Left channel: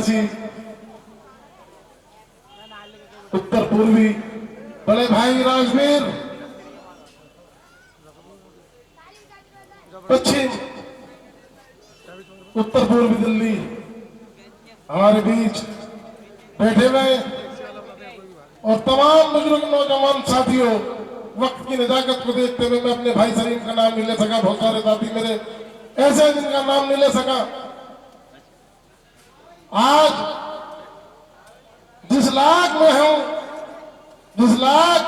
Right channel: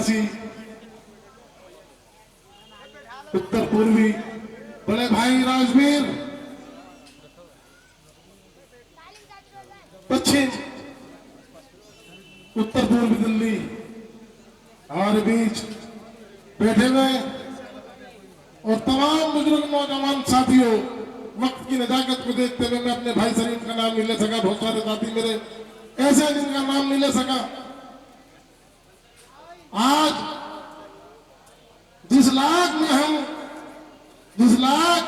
निवासी उत्तर पूर्वी बड़े भाई राजवीर, पश्चिम उत्तर पूर्वी दिल्ली हमारे बीच बैठे हुए और तमाम बुजुर्ग नौजवान साथियों, वक्त की नजाकत को देखते हुए मैं अपने भाई सलीम का नाम नहीं ले सका। बहुत सारे साथी मेरे ऐसे हैं जिनका नाम नहीं ले सका। आज जिस लाख में हूं, जिस लाख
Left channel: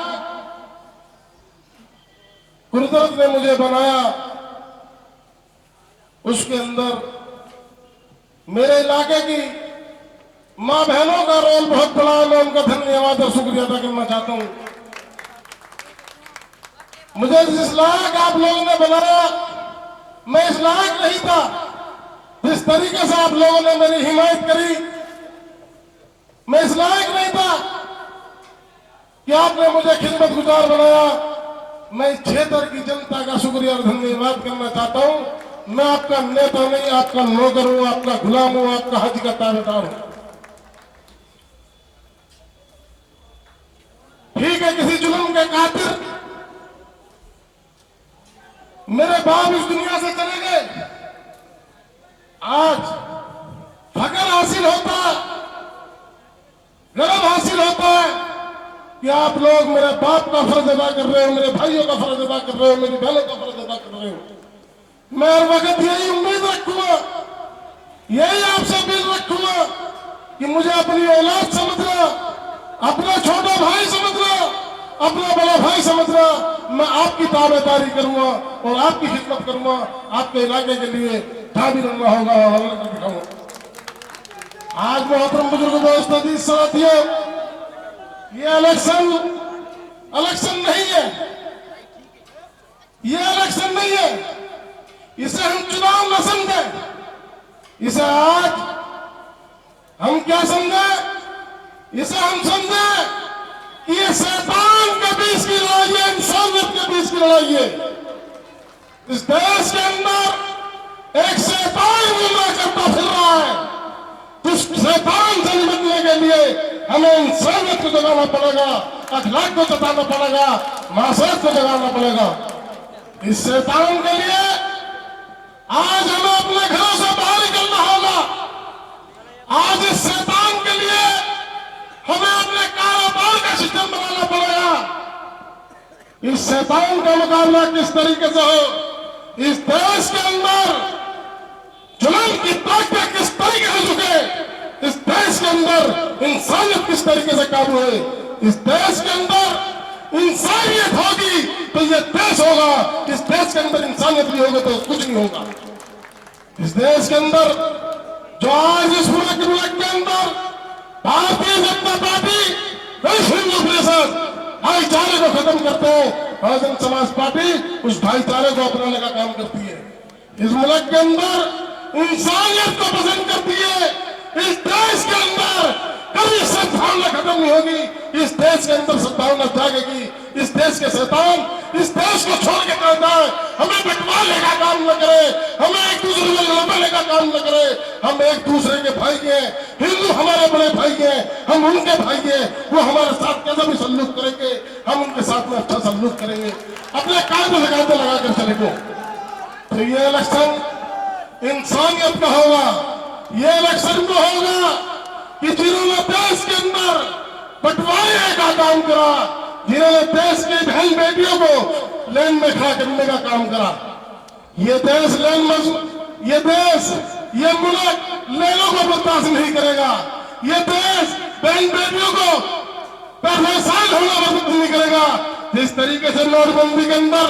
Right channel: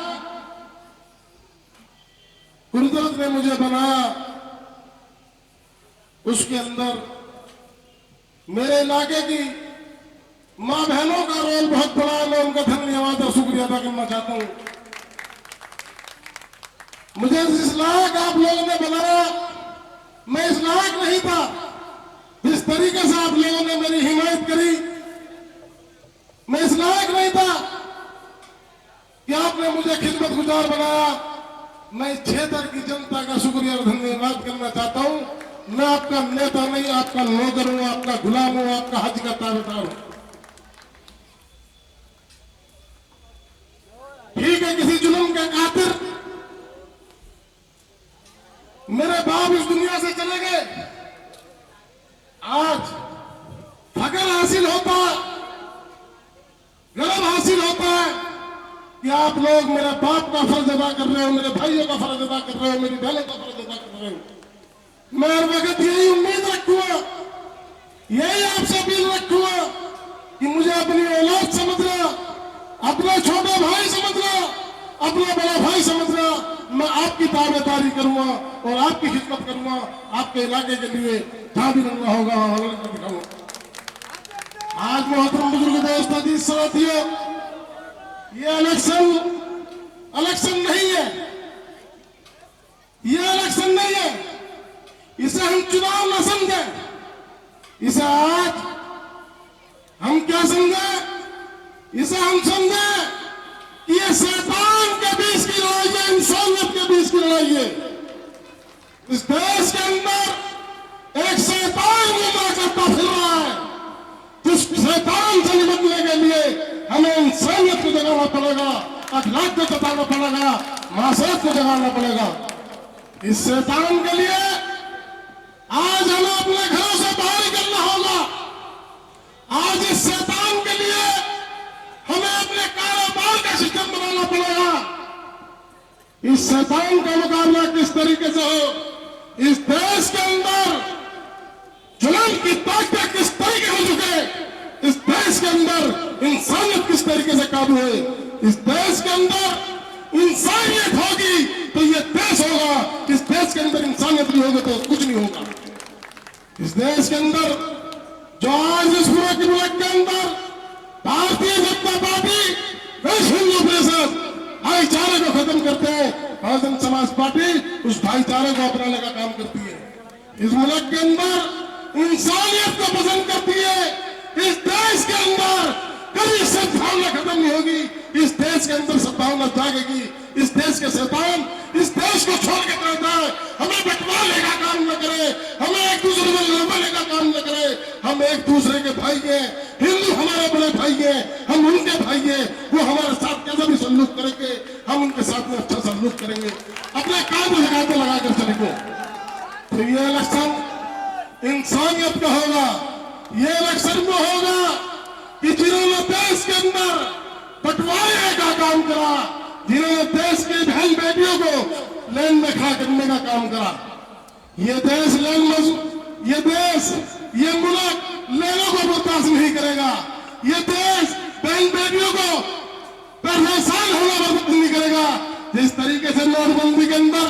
कुदरत ने मुझे बनाया, उसके अंदर मेरे इलाके की मां बहनों का रोल बहुत बड़ा है। मैं उनका धन्यवाद और शुक्रिया अदा करना चाहता हूं। मुझे जिस लायक आप लोगों ने बनाया, मैं इस लायक नहीं था। जिस तरीके से आप लोगों ने मेरी हिमायत करी, मैं इस लायक नहीं था कि आपने मुझे खिदमत गुजार बनाया। मैं इस क्षेत्र की जनता का शुक्रिया और धन्यवाद करना चाहता हूं। मैं आपका नेता नहीं, आपका नौकर हूं, आपका गुलाम हूं, आपका हज का ताबेदार हूं। ठीक है, किसी जुल्म के कातिल मेरे बाप इस दुनिया से चले गए। आज फख्र हासिल होता, गर्व हासिल होता है कि आप लोग मेरे बाप का फर्ज अदा कर रहे हो, मेरे भाइयों का फर्ज अदा कर रहे हो, मेरी बहनों का फर्ज अदा कर रहे हो। मैं हर वक्त यही उम्मीद रखूंगा, यही आपसे अपील रखूंगा कि मुझे अपनी औलाद समझना, अपना छोटा भाई समझना, अपना बड़ा भाई समझना। मैं आपकी ताबेदारी करूंगा और आपकी खिदमत करूंगा। आपके इलाके के लिए जहां भी रहना होगा हवाला कर दिखाऊंगा। आज मोहतरम बुजुर्ग दोस्तों जी साथियों, ये इलेक्शन नहीं है, ये इलेक्शन नहीं है। इसे हम चुनाव न समझे, इसे आज हम क्या समझे, इसे हम समझे कि ये शैतान के बीच की लड़ाई है, इंसानियत के बीच की लड़ाई है। इस देश के अंदर एक शैतान गुमराह करता फिर रहा है। उस शैतान से निपटने के लिए हमें इंसानियत को जगाना पड़ेगा, अखलाक को जताना पड़ेगा, मासूमियत को जगाना पड़ेगा। इस शैतान के लिए आज हमें अपने घरों से बाहर निकलना होगा। आज इस शैतान के लिए हमें अपने कारोबार का सिस्टम बनाना पड़ेगा। इस शैतान का मुकाबला किस तरीके से हो, इस देश के अंदर जुल्म की ताकत किस तरीके से झुके, इस देश के अंदर इंसानियत किस तरीके से काबू है, इस देश के अंदर इंसानियत होगी तो ये देश होगा। इस देश के अंदर इंसानियत नहीं होगा तो कुछ नहीं होगा। इस देश के अंदर जो आज इस पूरे मुल्क के अंदर भारतीय जनता पार्टी विश्व हिंदू परिषद भाईचारे को खत्म करते हैं, बहुजन समाज पार्टी उस भाईचारे को अपनाने का काम करती है। इस मुल्क के अंदर इंसानियत को पसंद करती है। इस देश के अंदर कभी सद्भावना खत्म नहीं होगी। इस देश के अंदर सद्भावना जागेगी। इस देश के शैतान इस देश को छोड़ के करता है। हमें बंटवारे का काम न करे, हमें एक दूसरे में लड़ने का काम न करे। हम एक दूसरे के भाई हैं, हिंदू हमारे बड़े भाई हैं, हम उनके भाई हैं। वो हमारे साथ कैसा भी सल्यूट करेंगे, हम उनके साथ में अच्छा सल्यूट करेंगे। अपने काम लगाते लगा कर चलेंगे। तो ये इलेक्शन इंसानियत का होगा। ये इलेक्शन को होगा कि जिन्होंने देश के अंदर बंटवारे का काम करा, जिन्होंने देश की बहन बेटियों को लाइन में खड़ा करने का काम करा। ये देश ये देश, ये मुल्क लेनों को बर्दाश्त नहीं करेगा। ये देश बहन बेटियों को परेशान होना बर्दाश्त नहीं करेगा। जिस तरीके से नोटबंदी के अंदर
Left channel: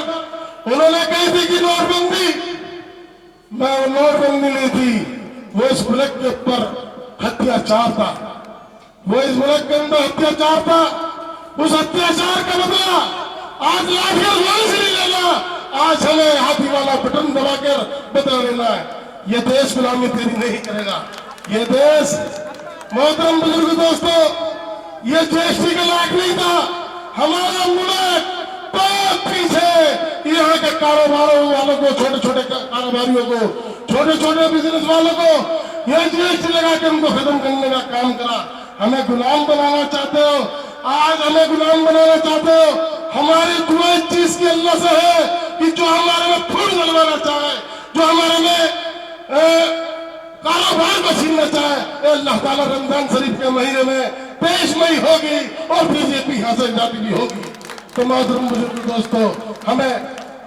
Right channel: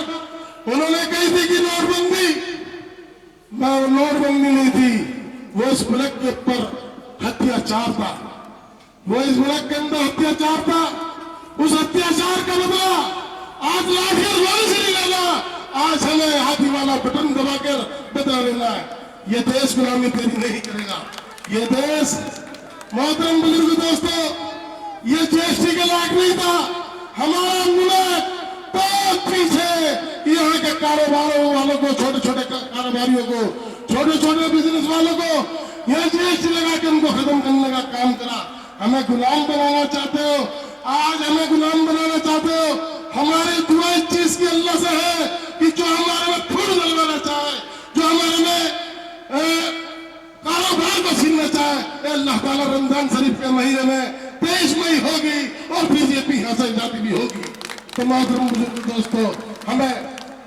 उन्होंने कही थी कि नोटबंदी नहीं थी, वो इस मुल्क के ऊपर अत्याचार था। वो इस मुल्क के अंदर अत्याचार था। उस अत्याचार का बदला आज लाठियां गोली से नहीं लेना, आज हमें हाथी वाला बटन दबाकर बदला लेना है। ये देश गुलामी तेरी नहीं करेगा। ये देश मोहतरम बुजुर्ग दोस्तों, ये जीएसटी के लायक नहीं था। हमारा मुल्क बहुत पीछे यहाँ के कारोबारों वालों को, छोटे छोटे कारोबारियों को, छोटे छोटे बिजनेस वालों को ये जीएसटी लगा के उनको खत्म करने का काम करा। हमें गुलाम बनाना चाहते हो, आज हमें गुलाम बनाना चाहते हो। हमारी दुआ इस चीज की अल्लाह से है कि जो हमारे में खून डलवाना चाहे, जो हमारे में कारोबार को छीनना चाहे, अल्लाह ताला रमजान शरीफ के महीने में पेशमई होगी और बीजेपी यहाँ से जाती भी होगी। तो मोहतरम बुजुर्ग दोस्तों, हमें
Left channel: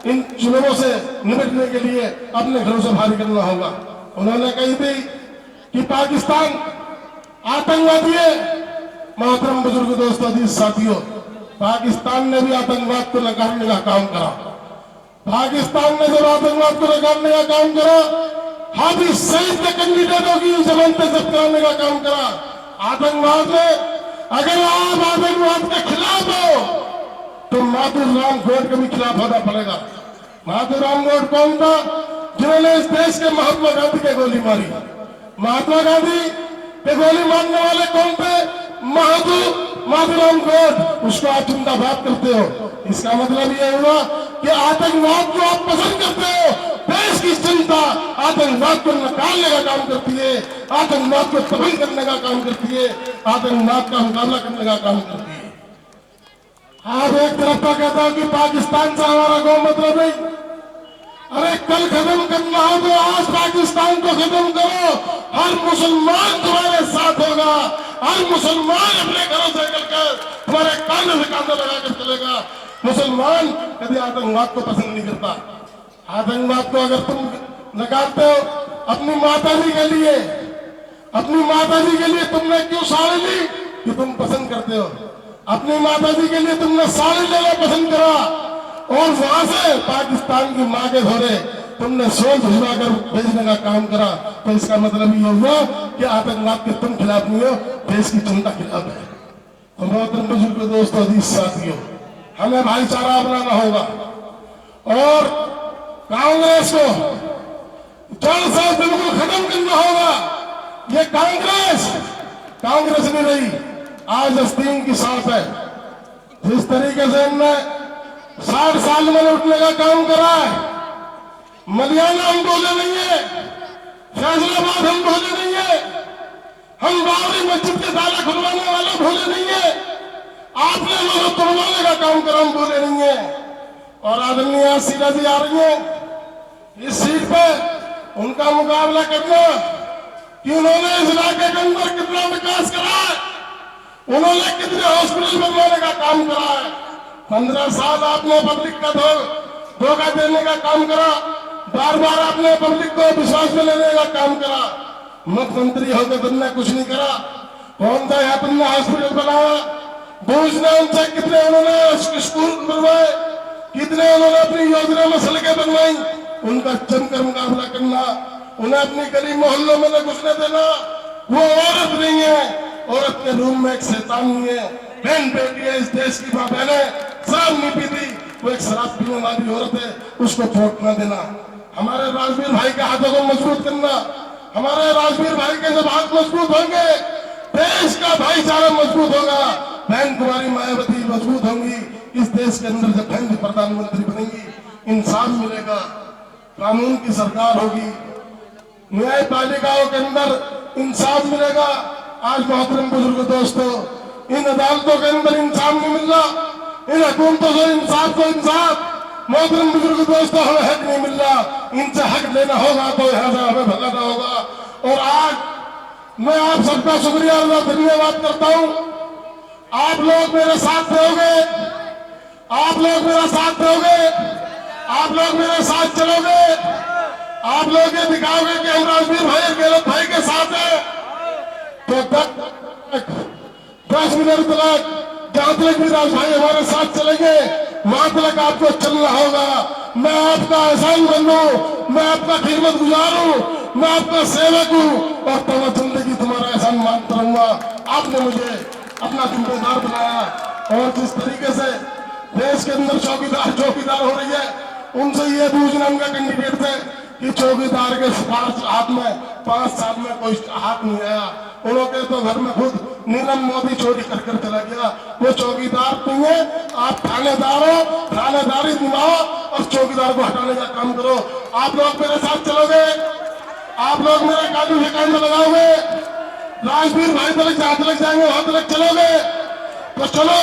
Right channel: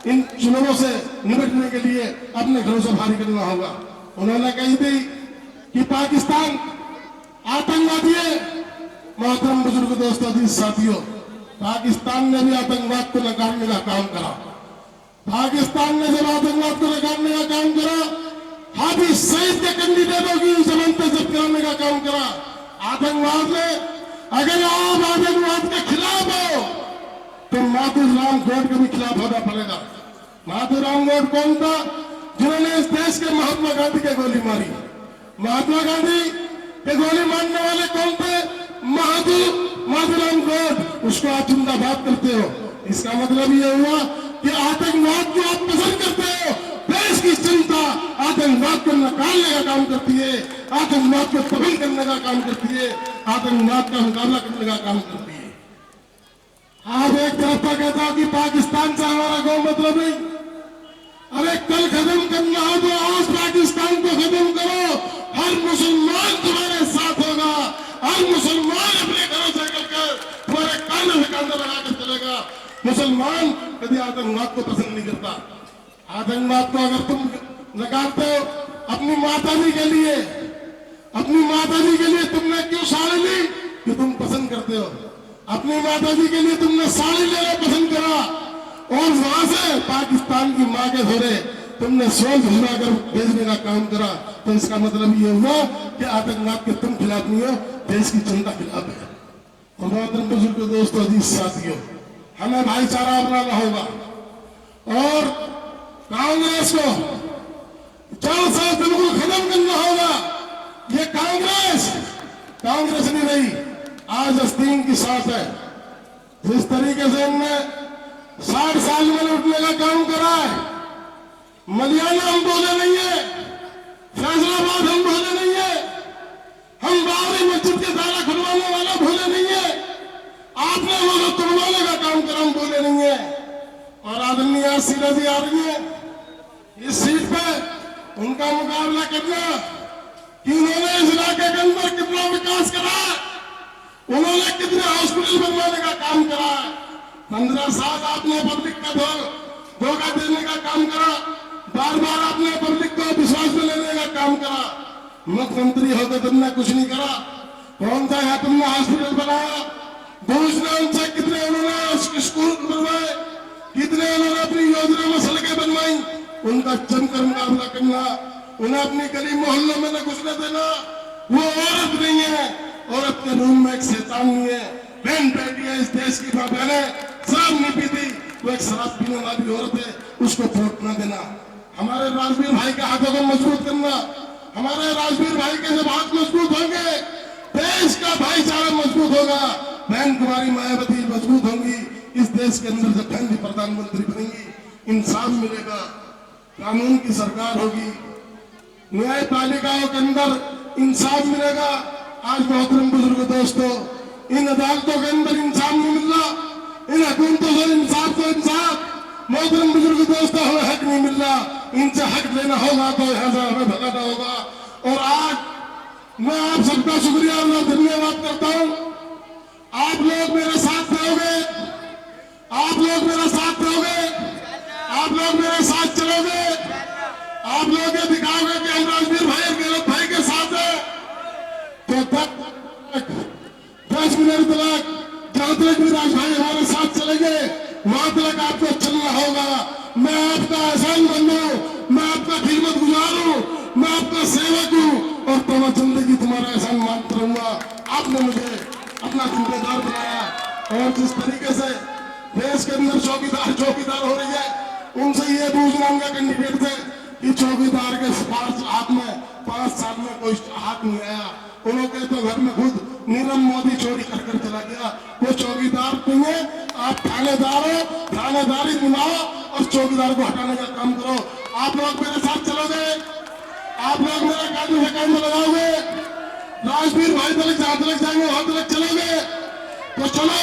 इन चुनावों से निपटने के लिए अपने घरों से भारी करना होगा। उन्होंने कही थी कि पाकिस्तान आतंकवादी है। मोहतरम बुजुर्ग दोस्तों, जी साथियों, पाकिस्तान ने भी आतंकवाद को नकारने का काम करा। पाकिस्तान ने जब आतंकवाद को नकारने का काम करा, हाफिज सईद के कैंडिडेटों की जमानतें जब्त कराने का काम करा। आतंकवाद में अगर आप आतंकवाद के खिलाफ हो तो माधुराम गौड के भी खिलाफ होना पड़ेगा। माधुराम गौड कौन था? जिन्होंने इस देश के महात्मा गांधी के गोली मारी। महात्मा गांधी के गोली मारने वाले कौन थे? माधुराम गौड। उसको आप जिंदाबाद करते हो, इसका मतलब यह हुआ कि आतंकवाद को आप पसंद करते हो। देश की जनता आतंकवाद को नकारने का काम करती है, आतंकवाद को तबाह करने का काम करती है, आतंकवाद का मुकाबला करने का काम करती है। आप एक तरफ तो कहता हूं कि पाकिस्तान से हमारा कोई मतलब नहीं। अरे कल खत्म करना हो तो आज पाकिस्तान को खत्म करो। हर मुसलमान तुम्हारे साथ होगा, हर मुसलमान अपने घरों से निकलकर तुम्हारे कांधे से कांधा लगाकर चलेगा। मुसलमान कभी आतंकवाद को पसंद नहीं करता। आतंकवाद को अगर तुम नकारते हो, अपनी माताजी के लिए, अपनी माताजी के लिए तुमने क्यों साड़ी ली? कि तुम पसंद करते हो। अपनी माताजी के लिए तुमने साड़ी लेना पसंद करा और वहां से पाकिस्तान की मां के घोड़े तुमने सोच भिजवाकर भेजने का काम करा। तो इसका मतलब ये हुआ कि आतंकवाद के तुम खिलाफ नहीं हो, देश की जनता खिलाफ है। तो मोहतरम बुजुर्ग दोस्तों, अजीज साथियों, हमें भाईचारा अपनाना होगा और कांग्रेस को जड़ से बिल्कुल खत्म करना होगा। ये कांग्रेस नहीं रही, आज आस्तीन की सांस है। जिस तरीके से इनने 60 साल में लूटने का काम करा है, मलियाना हम बोले नहीं है, फैसलाबाद हम बोले नहीं है, हम बाबरी मस्जिद के ताला खुलवाने वाले भूले नहीं है, आपने लोगों तोड़वाने का काम करा हम बोले नहीं है। और आदरणीय सीधा जी आ रही है इस सीट पे, उनका मुकाबला करना कि उन्होंने इस इलाके के अंदर कितना विकास करा है, उन्होंने कितने हॉस्पिटल बनवाने का काम करा है। 15 साल आपने पब्लिक का धोखा देने का काम करा, बार बार आपने पब्लिक को विश्वास में लेने का काम करा। मुख्यमंत्री होकर तुमने कुछ नहीं करा। कौन सा यहाँ तुमने हॉस्पिटल बनाया? दूसरे उनसे कितने उन्होंने स्कूल बनवाए, कितने उन्होंने अपनी योजना में सड़कें बनवाई, उनका जमकर मुकाबला करना। उन्हें अपनी गली मोहल्लों में न घुसने देना। वो औरत नहीं है, औरत के रूम में एक शैतान नहीं है। बहन बेटियां इस देश की मां बहनें शराब नहीं पीती, वो एक शराब पीने वाली औरत है, उसको वोट न देना। हमारे राजवीर भाई के हाथों को मजबूत करना। हमारे राजवीर भाई के जब हाथ मजबूत होंगे, देश का भाईचारा मजबूत होगा। बहन कुमारी मायावती मजबूत होंगी, इस देश के अंदर जब बहन प्रधानमंत्री बनेंगी, इंसाफ मिलेगा, कानून की सरकार होगी, न्यायपालिकाओं के अंदर इंसाफ मिलेगा। आज मोहतरम बुजुर्ग दोस्तों, इन अदालतों के अंदर इंसाफ नहीं मिल रहा, इन हुकूमतों से इंसाफ को इंसाफ। मोहतरम बुजुर्ग दोस्तों, हमें हक नहीं मिल रहा, इनसे हक लेना होगा तो यहाँ से हमें भगाना होगा। और आज मैं आप सबका शुक्रिया और धन्यवाद करता हूँ। आप लोग मेरे साथ दोगे, आप लोग मेरा साथ दोगे, आप लोग मेरे साथ चलोगे, आप लोग ये दिखाओगे कि हम राजवीर भाई गहलोत भाई के साथ हैं। तो 10 मिनट तक जहां तक भी राज भाई हमारे साथ चलेंगे, वहां तक आपको चलना होगा। मैं आपका एहसान बनू, मैं आपका खिदमत गुजार हूँ, मैं आपका सेवक हूँ और तो जिंदगी तुम्हारा एहसान मानता रहूंगा। आपने मुझे अपना जिम्मेदार बनाया और जिस तरीके से देश के अंदर चौकीदार हो रही है, उनसे ये पूछना उनका कैंडिडेट थे कि चौकीदार के 5 साल में कोई हाथ नहीं आया। उन्होंने तो घर में खुद नीरव मोदी चोरी कर चला गया। वो चौकीदार तुम है, आप थानेदार हो, थानेदारी दिलाओ और चौकीदार को हटाने का काम करो। आप लोग मेरे साथ चलोगे, आप लोग मेरा कानून के कान में लगाओगे, राजवीर भाई तक जहां तक जाएंगे वहां तक चलोगे, तो चलो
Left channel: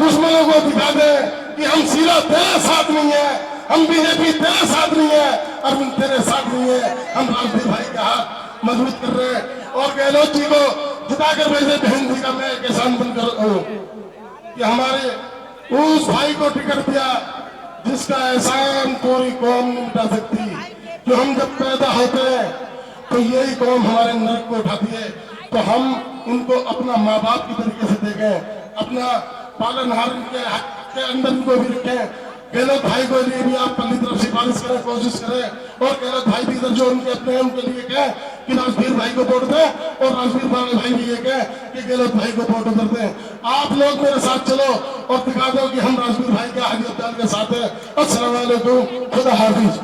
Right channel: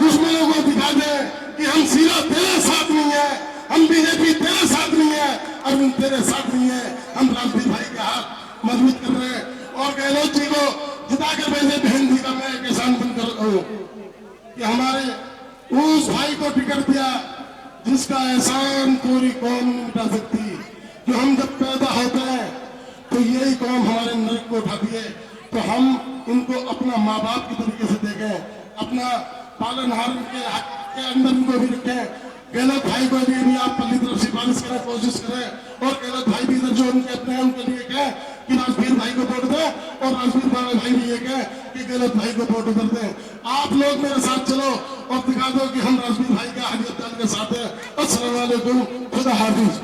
दुश्मनों को दिखा दे कि हम सीधा तेरे साथ नहीं है, हम बीजेपी तेरे साथ नहीं है, अरुण तेरे साथ नहीं है, हम राजवीर भाई का हाथ मजबूत कर रहे हैं। और गहलोत जी को जिताकर वैसे बहन जी का मैं किसान बनकर कि हमारे उस भाई को टिकट दिया जिसका एहसान पूरी कौम नहीं मिटा सकती। जो हम जब पैदा होते हैं तो यही कौम हमारे नरक को उठाती है, तो हम उनको अपना माँ बाप की तरीके से देखें, अपना पालनहार के अंदर उनको भी रखें। गहलोत भाई को लिए भी आप अपनी तरफ सिफारिश करें, कोशिश करें, और गहलोत भाई भी जो उनके अपने उनके लिए कहें कि राजवीर भाई को वोट दें, और राजवीर भाई भी ये कहें कि गहलोत भाई को वोट कर दें। आप लोग मेरे साथ चलो और दिखा दो कि हम राजवीर भाई के आगे के साथ हैं। अस्सलाम वालेकुम, खुदा हाफिज।